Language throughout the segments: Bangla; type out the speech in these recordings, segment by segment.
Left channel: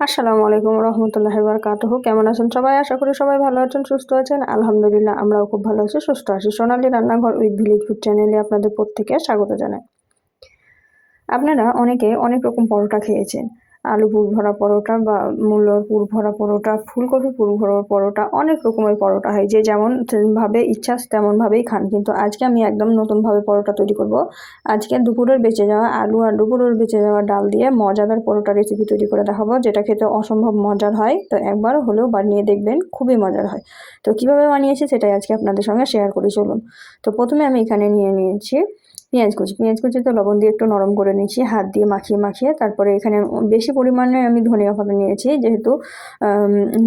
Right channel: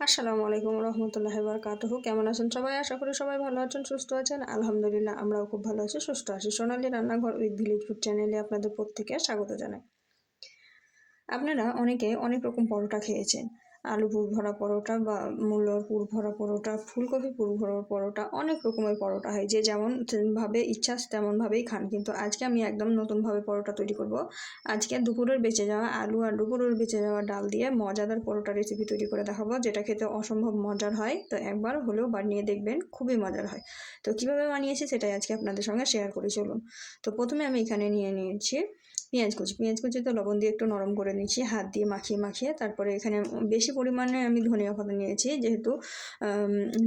আসসালামু আলাইকুম রহমতুল্লাহি বারাকাতুহু। কেমন আছেন সবাই? আশা করি সবাই ভালো আছেন, সুস্থ আছেন। আলহামদুলিল্লাহ আমরাও খুব ভালো আছি, সুস্থ আছি। সোনালী রান্নাঘর উইথ ভিলেজ ফুড চ্যানেলে আপনাদের প্রত্যেককে স্বাগত জানাই। আপনারা অনেকে অনেক রকম পরোটা খেয়েছেন। আলু পুর ভরা পরোটা বা মূলোর পুর ভরা পরোটা, ফুলকপি পুর ভরা পরোটা, অনেক রকমের পরোটা হয়। যে যেমন ভাবে ইচ্ছা তেমনভাবেই খান। কিন্তু আজকে আমি একদম নতুনভাবে পরোটা তৈরি করব। আজকে দুপুরের বেঁচে যাওয়া আলু আর দুপুরের বেঁচে যাওয়া ডাল দিয়ে মজাদার পরোটা রেসিপি তৈরি করে দেখাবো, যেটা খেতে অসম্ভব মজার হয়। তো একবার হলেও বানিয়ে দেখবেন, খুবই মজার হয়। তো কিভাবে বানিয়েছি সেটাই আজকে আপনাদের সঙ্গে শেয়ার করি, চলুন। তো প্রথমে আমি এখানে নিয়ে নিয়েছি পেঁয়াজ কুচি তো লবণ দিয়ে একটু নরম করে নিয়েছি হাত দিয়ে মাখিয়ে মাখিয়ে। তারপরে এখানে বেশি পরিমাণে আমি ধনিয়া পাতা নিয়েছি, যেহেতু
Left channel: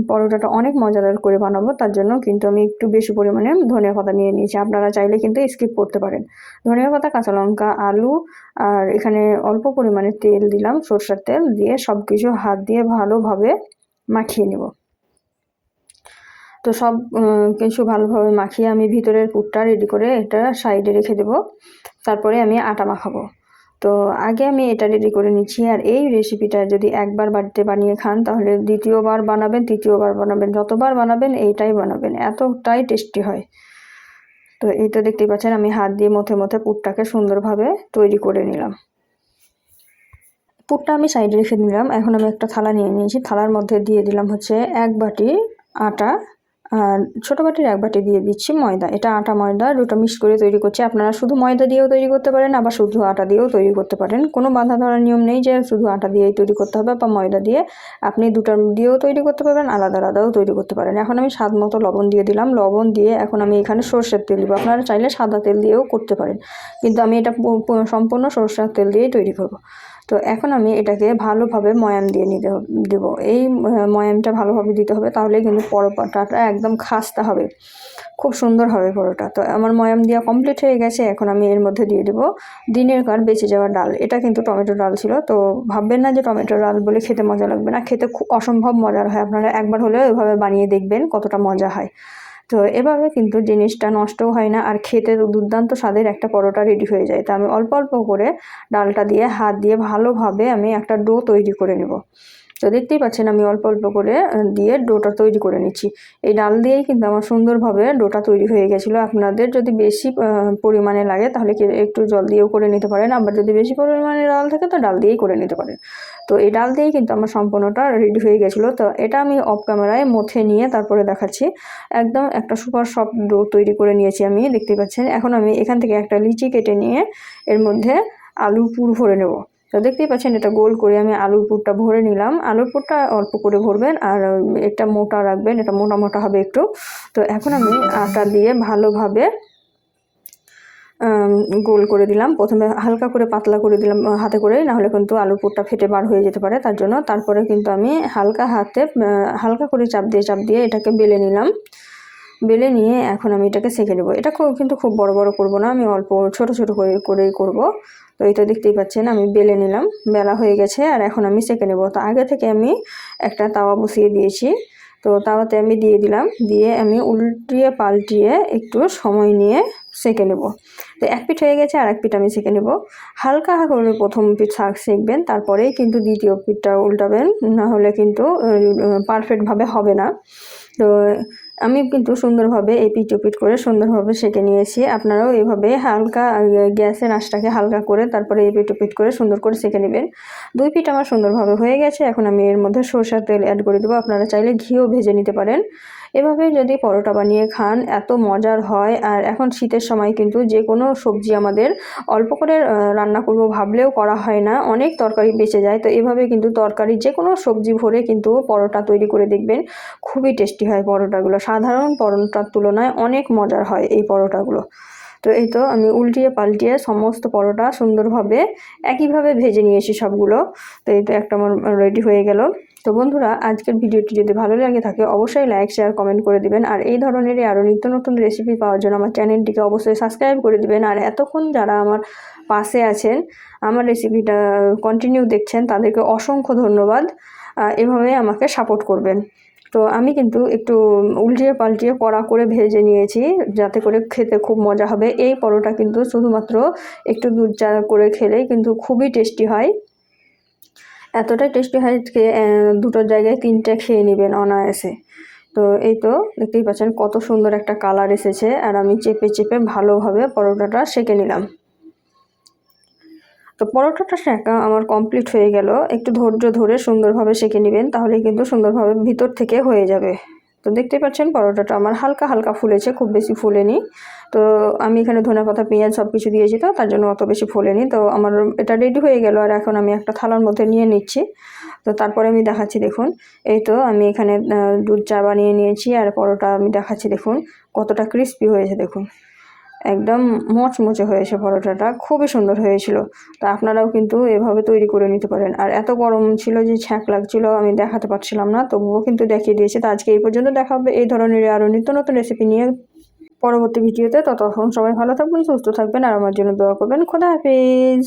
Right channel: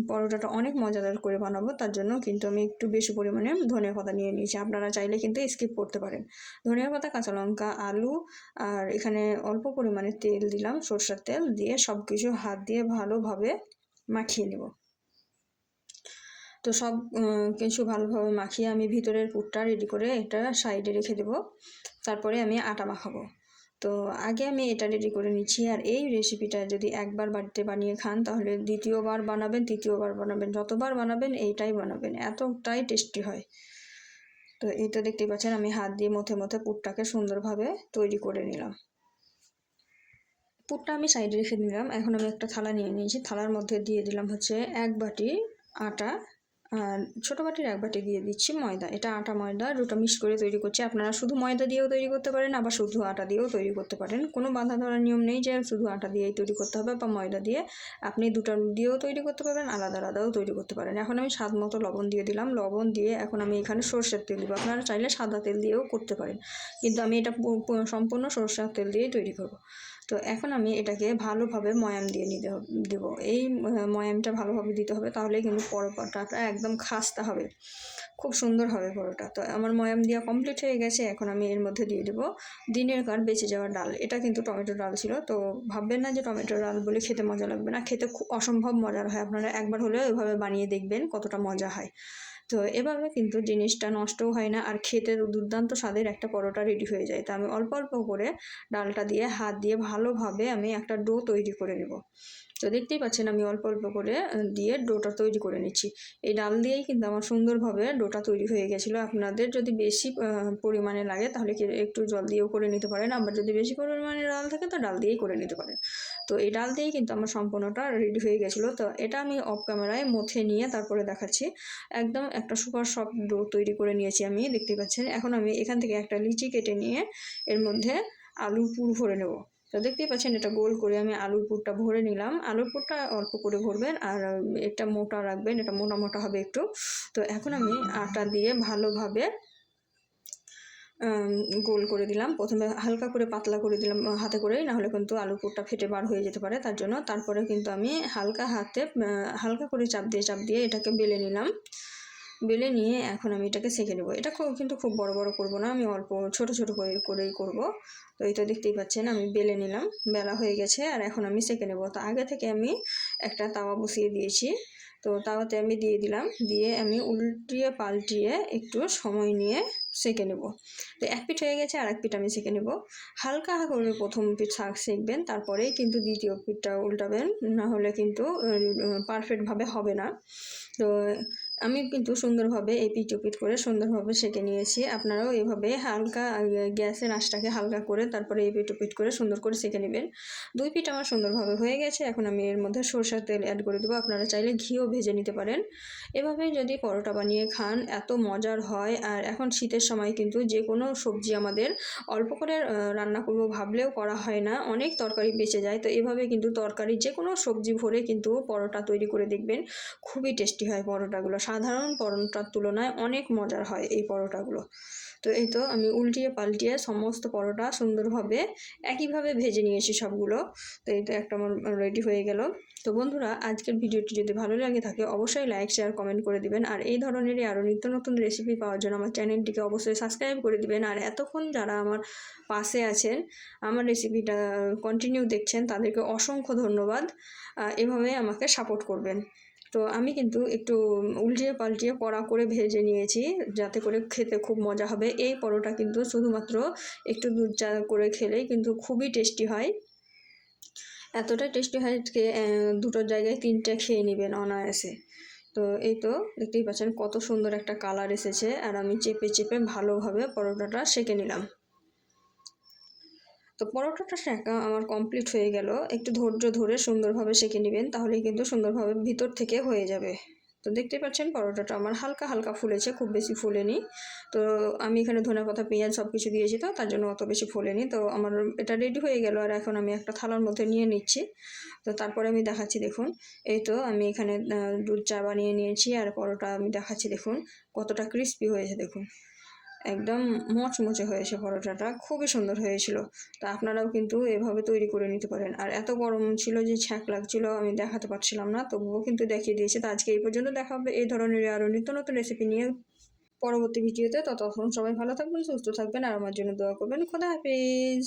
পরোটাটা অনেক মজাদার করে বানাবো, তার জন্য কিন্তু আমি একটু বেশি পরিমাণে ধনিয়া পাতা নিয়ে নিয়েছি। আপনারা চাইলে কিন্তু স্কিপ করতে পারেন। ধনিয়া পাতা, কাঁচা লঙ্কা, আলু, আর এখানে অল্প পরিমাণে তেল দিলাম, সরষের তেল দিয়ে সব কিছু হাত দিয়ে ভালোভাবে মাখিয়ে নেব। তো সব কিছু ভালোভাবে মাখিয়ে আমি ভিতরের পুরটা রেডি করে এটা সাইডে রেখে দেব। তারপরে আমি আটা মাখাবো। তো আগে আমি এটা রেডি করে নিচ্ছি। আর এই রেসিপিটা যদি একবার বাড়িতে বানিয়ে খান, তাহলে দ্বিতীয়বার বানাবেন, তৃতীয়বার বানাবেন, যতবার বানাবেন এইটাই বানাবেন, এতটাই টেস্টি হয়। তো এইটা দেখতেই পাচ্ছেন, আমি হাত দিয়ে মথে মথে পুরটাকে সুন্দরভাবে তৈরি করে নিলাম। পুরটা আমি সাইডে রেখে নিলাম। এখন আমি একটা থালা নিয়ে নিয়েছি, থালার মধ্যে দিয়ে দিলাম হচ্ছে 1 বাটি আটা, আর ছোটো বাটির 1 বাটি দিয়ে দিচ্ছি ময়দা। এটা আটা ময়দা দুটো মিক্স করে তৈরি করছি। আপনারা শুধু ময়দা দিয়েও তৈরি করতে পারেন, আবার শুধু আটা দিয়েও তৈরি করতে পারেন। কোনো বাঁধা ধরার নিয়ম নেই যে শুধু আটা দিয়েই তৈরি করতে হবে বা ময়দা দিয়ে। আপনি দুটো দিয়েও তৈরি করতে পারবেন, আলাদা আলাদাও তৈরি করতে পারেন। এখন আমি স্বাদ মতো লবণ দিয়ে দিলাম। লবণ দিয়ে এখন আমি এখানে সরষের তেল দিব। আপনারা চাইলে সাদা তেল দিয়েও করতে পারেন, কিন্তু আমি এটা সম্পূর্ণ সরষের তেল দিয়েই তৈরি করব। তো এখন আমি এটাকে ভালোভাবে ময়াম দিয়ে দেবো। এই ময়ামটা ভালোভাবে দিতে হবে, তাহলে কিন্তু পরোটাটা একদম খাস্তা হবে, খুব সুন্দর হবে পরোটা। তো আমার ময়াম দেওয়া কমপ্লিট হয়ে গেছে। এখন আমি এর মধ্যে দিয়ে দেবো দিনের কার বেঁচে যাওয়া ডাল। এটা কিন্তু টমেটো ডাল ছিল। তো ভাববেন না যে টমেটো ডাল বলে খেতে মজা লাগবে না, খেতে খুব অসম্ভব মজার হয়। আপনারা একবার হলেও এভাবে বানিয়ে দেখবেন কতটা মজা হয়। তো এভাবে কিন্তু জিনিসটা নষ্টও হয় না, আর খেতে দুর্দান্ত স্বাদের একটা পরোটা রেডি হয়ে যায়। তো আমি অল্প অল্প করে ডালটা দিয়ে হাত দিয়ে ভালোভাবে আমি একটা ডো তৈরি করে নেব। তো দেখতেই পাচ্ছেন আমি অল্প অল্প করে দিয়ে ডোটা তৈরি করে নিচ্ছি। এই ডাল দিয়েই কিন্তু আমার সুন্দরভাবে ডোটা তৈরি হয়ে গেছিলো। আপনাদের যদি বেশি পরিমাণে লাগে তাহলে একটু জল দিয়েও করে নিতে পারেন, আবার যদি বেশি পরিমাণে ডাল থাকে তো ডাল দিয়েই করে নিতে পারেন। তো এই ডাল দিয়েই কিন্তু আমার সম্পূর্ণটা রেডি হয়ে গেছিলো। তো এটা আমি অফ ক্যামেরায় মথে নিয়ে তারপরে দেখাচ্ছি। একদম একটা সুপার সফট ডো তৈরি করে নিয়েছি আমি, দেখতে পাচ্ছেন। এখন আমি এখান থেকে একটা লিচি কেটে নিয়ে এর মধ্যে আলুর পুর ভরে নেব। তো দেখতেই পাচ্ছেন এটা গোল করে আমি আলুর পুরটা ভরে নিলাম। আলুর পুরটা অল্প করে ভরবেন, আর এটা মোটা রাখবেন, এটা মোটা মোটা হবে একটু। তো এখন আমি আটা দিয়ে ভালোভাবে গোল করে দিলাম। প্রথমে হালকা করে পাতলা করে দিলাম হাতে করে, নাহলে কিন্তু আলুর পুরটা ফেটে বার হয়ে যেতে পারে, তার জন্য। তারপরে কিন্তু আমি হালকা করে চাপ দিয়ে এটাকে বেলে নিলাম। বেলে নিয়ে এখন আমি এটাকে সেঁকে নেব। এটা কিন্তু খুব বড় বড় করব না, আমি অল্প ছোট ছোট করেই করব। তো এটা দেখতেই পাচ্ছেন আমি বেলে নিলাম, বেলা হয়ে গেছে। আর এখন আমি সেঁকে নেব। তো আগে থেকে আমি একটা তাওয়া বসিয়ে দিয়েছি। তো তাওয়াতে আমি দিয়ে দিলাম, দিয়ে আমি উল্টিয়ে পাল্টিয়ে একটু সময় নিয়ে সেঁকে নেব। তো এক পিঠ হয়ে গেছে, আর এক পিঠ আমি সেঁকে নেব। হালকা করে প্রথম পিঠ সেঁকবেন, তারপরেই কিন্তু দ্বিতীয় পিঠটা উল্টাবেন, না হলে কিন্তু পারফেক্টভাবে হবে না। তো আমি কিন্তু সুন্দরভাবে এপিঠ ওপিঠ করে সুন্দরভাবে সেঁকে নিয়েছি। আপনারাও এভাবে হালকা গ্যাসের আঁচটাকে হালকা করে তারপরে এপিঠ ওপিঠ করে সুন্দর করে সেঁকে নেবেন। 2 পিঠ আমার সুন্দরভাবে হয়ে গেছে। এখন আমি এর মধ্যে সরষের তেল অ্যাড করে দেবো। আপনারা চাইলে ঘিও ভেজে নিতে পারেন। এভাবে যদি পরোটা বানিয়ে খান এত মজার হয়। আর এখন শীতের সময় কিন্তু যে কোনো সবজি আমাদের অল্প করে রান্না করব ভাবলেও করা হয় না, অনেক তরকারি বেঁচে যায়। তো এভাবে কিন্তু তরকারি যে কোনো সবজি ভরে কিন্তু পরোটা তৈরি করে দেখবেন, খুবই টেস্টি হয় পরোটাগুলো। সাধারণ পরোটার তুলনায় অনেক মজার হয় এই পরোটাগুলো। তো এই তো আমি উল্টিয়ে পাল্টিয়ে সমস্ত পরোটা সুন্দরভাবে একইভাবে ভেজে নিয়েছি সবগুলো। তো এই তো একটা আমার রেডি হয়ে গেল। তো বন্ধুরা, আজকের ভিডিওটি যদি ভালো লাগে থাকে অবশ্যই লাইক শেয়ার কমেন্ট করে দিবেন। আর এই ধরনেরই আরও নিত্য নতুন রেসিপি পাওয়ার জন্য আমার চ্যানেলটিকে অবশ্যই সাবস্ক্রাইব করে দিবেন। আর এতক্ষণ যারা আমার পাশে আছেন, আমার রেসিপিটা কন্টিনিউ দেখছেন, তাদেরকে অসংখ্য ধন্যবাদ। এভাবে আমাকে সাপোর্ট করবেন। তো আমি কিন্তু একটু উল্টিয়ে পাল্টিয়ে কড়া করে ভেজে নিয়েছি, যাতে করে খেতে খুব মজা হবে। এই পরোটা কিন্তু শুধুমাত্র একটু দুধ চা করে খেলেই কিন্তু খুবই টেস্টি হয়। এতটাই টেস্টি হয় যে দুটোর জায়গায় 3টে খেয়ে নেবেন অনায়াসে। তো এই তো দেখতেই পাচ্ছেন কত সুন্দর একটা কালার এসেছে, আর আমি চেপে চেপে ভালোভাবে পরোটাটা সেঁকে নিলাম। তো পরোটাটা সেঁকা আমার কমপ্লিট হয়ে গেল। একটু ধৈর্য ধরে সুন্দরভাবে সেঁকে নেবেন, তাহলেই কিন্তু সুন্দরভাবে ভিতর থেকে হয়ে যাবে। তো দেখতেই পাচ্ছেন পরোটাটা আমার হালকা হালকা ফুলেছে, খুব বেশি ফুলেনি। তো আমি এখানে ধনেপাতা পেঁয়াজ সব কিছু দিয়েছি, তো তার জন্য অত বেশি ফোলেনি। তো আমার এটা রেডি হয়ে গেল, আর এখন আমি একটা থালার মধ্যে নিয়ে নিচ্ছি। তো তারপরে আমি দেখাচ্ছি দেখুন, এই তো আমি এখানে দুধ চা বানিয়ে নিয়েছি, আর পরোটা আমি দেখাচ্ছি দেখুন কতটা ক্রিস্পি হয়েছে। দেখুন একদম মচমচে হয়েছে পরোটাটা, খুবই সুন্দর হয়েছিল। তো আপনারাও কিন্তু এভাবে তৈরি করে নিতে পারেন। আর এত গরম ছিল যে ছ্যাঁক লাগছিল, আমি দেখাতে পারছিলাম না, তবুও কিন্তু দেখিয়ে দিয়েছে। তো আজকে এই পর্যন্ত, দেখা হবে এই ধরনের আরও নিত্য নতুন রেসিপি নিয়ে পরবর্তী ভিডিওতে। ততক্ষণ সবাই ভালো থাকবেন, সুস্থ থাকবেন, আর আমার জন্য দোয়া করবেন। খোদা হাফেজ।